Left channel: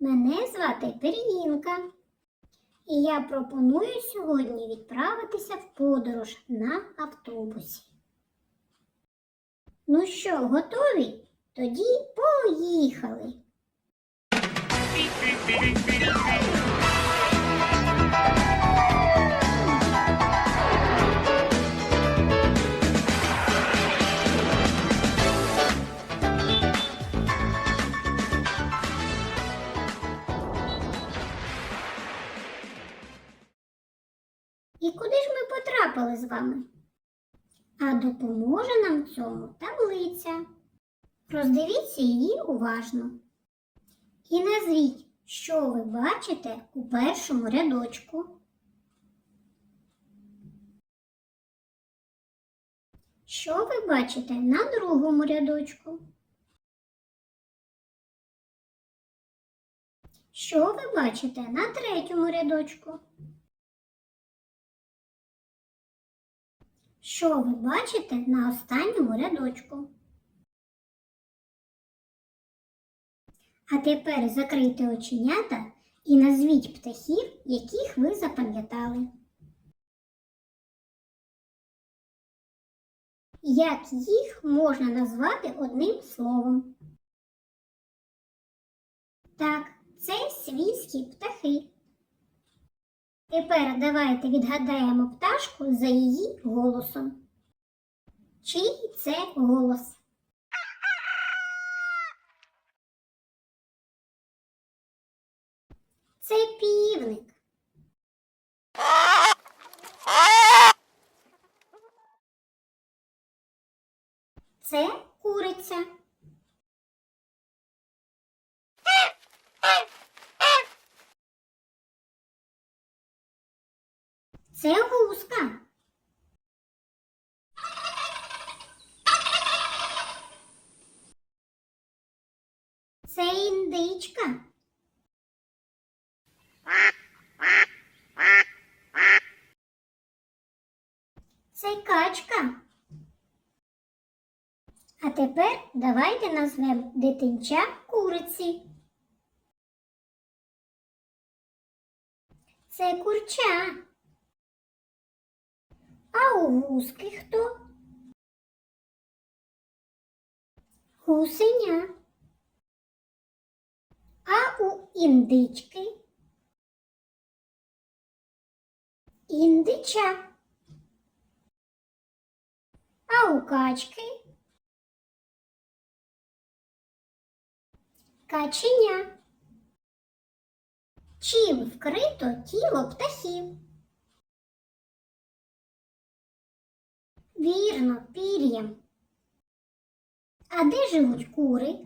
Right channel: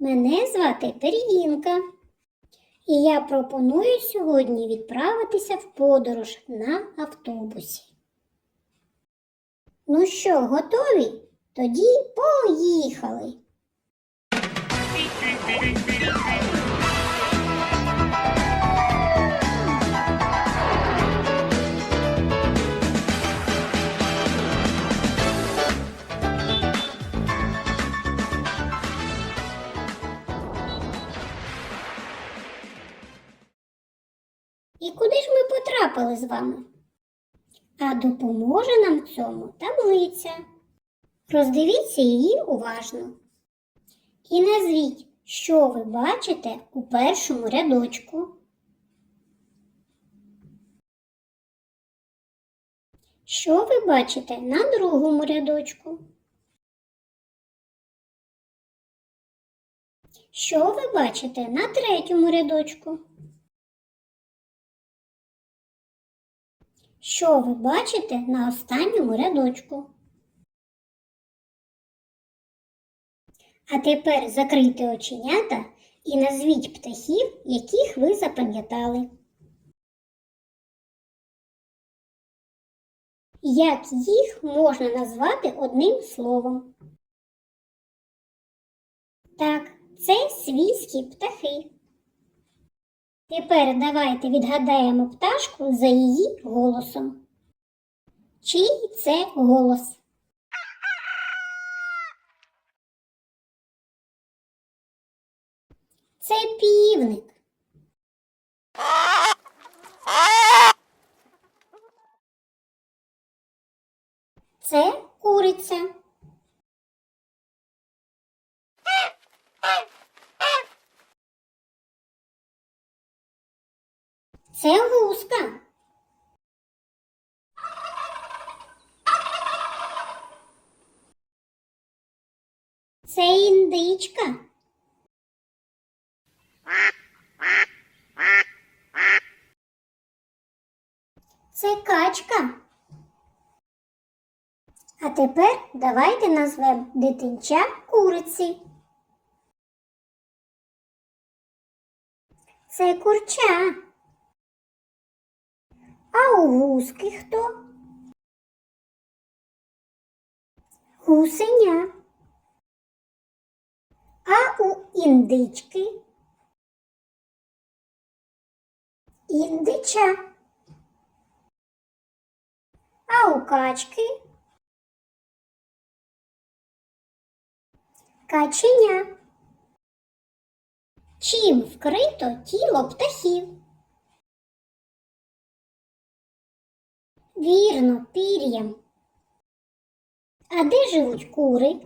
Мене звати Пергінка. І я пропоную сьогодні відправитися в подорож на автобусі. Ну що, готові? Тоді поїхали. І куди ж ми потрапили з вами? А допоможе нам цьому таблиця. Роздивіться її уважно. І назвіть, що ви бачите у першому рядочку. Що ви бачите на другому рядочку? Що ви бачите на третьому рядочку? Що ви бачите на останньому рядочку? А тепер закрийте оченята і назвіть птахів, яких ви запам'ятали. Як їх можна назвати одним словом? Так, це свійські птахи. Тепер давайте відгадаємо пташку за її голосом. Чий це голос? Це півник. Це куриця. Це гуска. Це індичка. Це качка. А тепер давайте назвемо дитинча куриці. Це курча. А у гуски хто? Гусеня. А у індички? Індича. А у качки? Каченя. Чим вкрито тіло птахів? Вірно, пір'ям. А де живуть кури?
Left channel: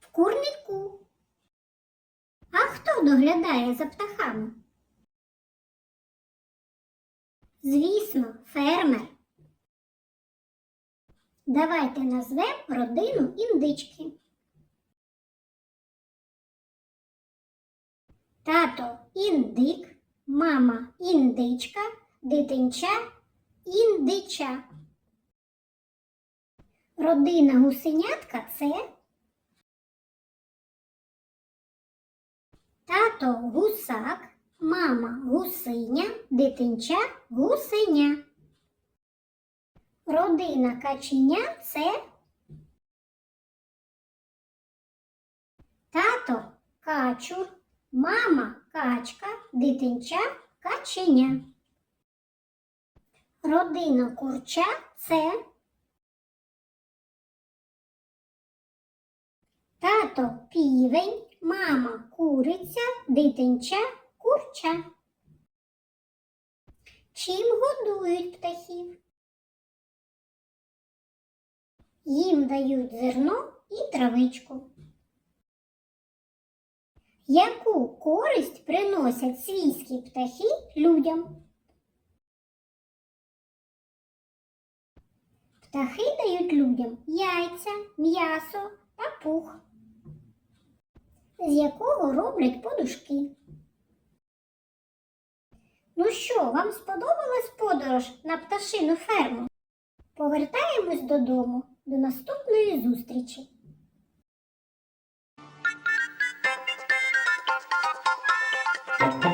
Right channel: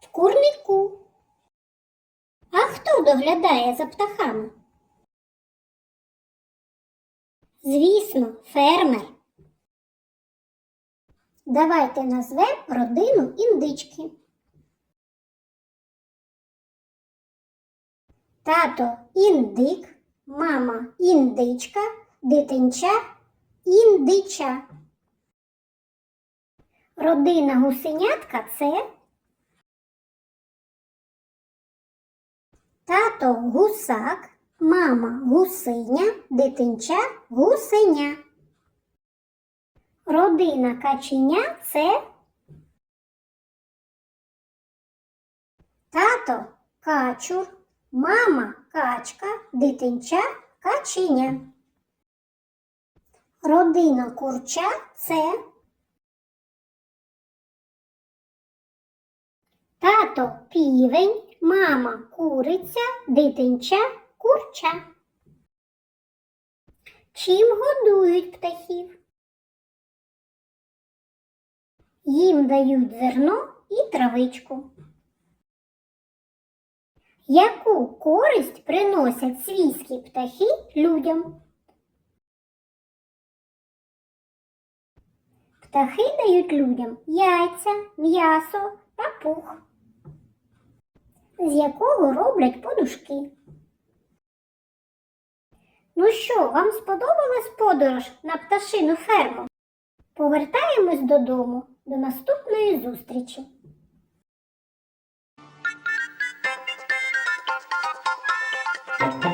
В курнику. А хто доглядає за птахами? Звісно, фермер. Давайте назвемо родину індички. Тато індик, мама індичка, дитинча індича. Родина гусенятка це тато гусак, мама гусиня, дитинча гусеня. Родина каченя це тато качур, мама качка, дитинча каченя. Родина курча це тато півень, мама куриця, дитинча курча. Чим годують птахів? Їм дають зерно і травичку. Яку користь приносять свійські птахи людям? Птахи дають людям яйця, м'ясо та пух, з якого роблять подушки. Ну що, вам сподобалась подорож на пташину ферму? Повертаємось додому. До наступної зустрічі! Oh.